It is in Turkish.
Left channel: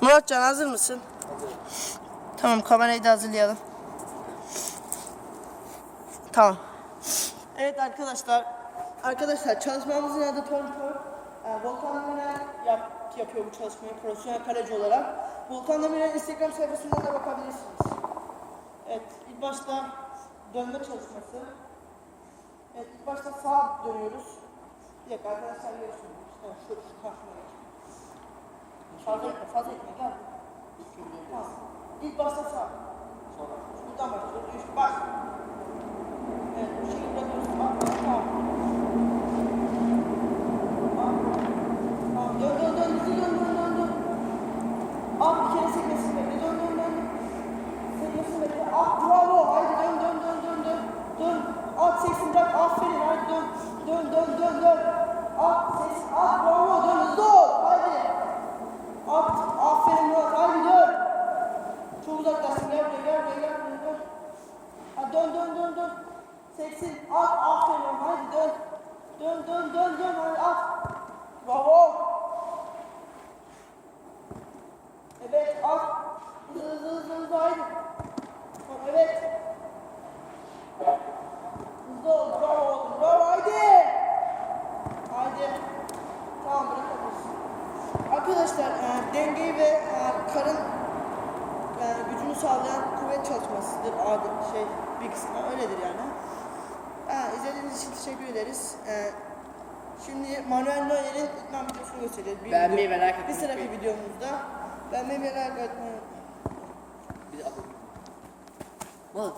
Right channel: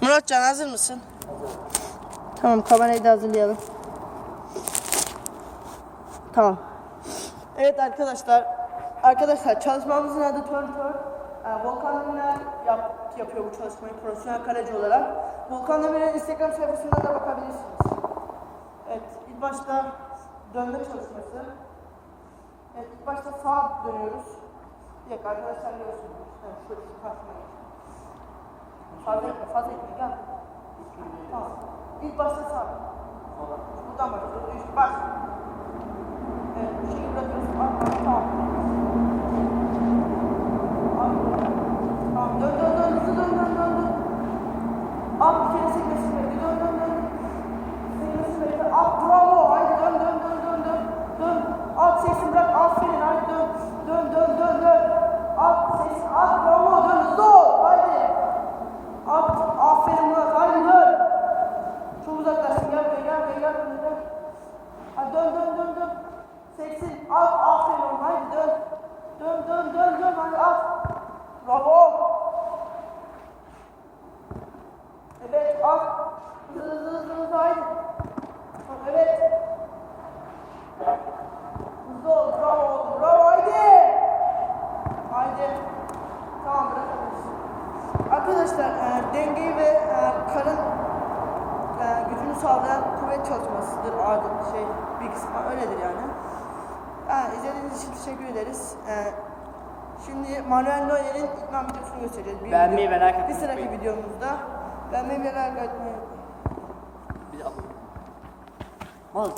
Muratcan hazır mısın? Tamam kamerayı da hazırlayalım. Tamam. Evet arkadaşlar. Arkadaşlar çalışmamızın adı Tör Tör. Ee, Volkan yap, yapıyor bu çalışmayı profesyonel kaleci olarak. Volkan Demirel Instagram sayfasından da bakabilirsiniz. Evet ilk başta dönme çalışması. Evet ilk başta sağa dönüyoruz. Bir arkadaşlar görüyorsunuz. Evet Fazla etme, fazla etme mi? Tamam. İlk başta sağ. Sonra. Buradan başlıyoruz. Üç, baş. Evet, bu şekilde bırakıyoruz. Arkaya tamam. Tamam, dön dön dön, hızlı dön dön dön dön. At bir kere sekmesin bekle, dön dön dön. Sekmesin bekle, at bravo, haydi dön dön dön dön dön. Dön, at seksin bırak, aferin, haydi dön. Dön dön dön dön. At seksin, at bravo, dön hızlı ol, haydi. At, aferin Murat, haydi dön. Çok uzaklaştın, gel buraya, gel buraya, gel buraya, gel. Hadi dön, dön, dön, dön. Seksin, at, aferin oğlum, haydi dön. Dön, dön, dön, dön, hadi at. Bravo. Evet, at. Hızlı, hızlı, hızlı, hızlı, haydi. Evet. Hızlı ol, bravo bravo, haydi. Haydi. Tamam, bırakabilirsin. Arkadaşlar e, dengeyi ve e, sağlayan kuvvet çalışmasıdır abi şey bir kısmı öyledir yani. Yani izlediğiniz için teşekkür ederiz. E, şimdi Manuel Neuer'in ikna videosunu göstereceğiz. Bir Beğenmeyi ve like Bir sonraki videomuzda beğenmeyi ve like atmayı Bir de abone. Oğlum.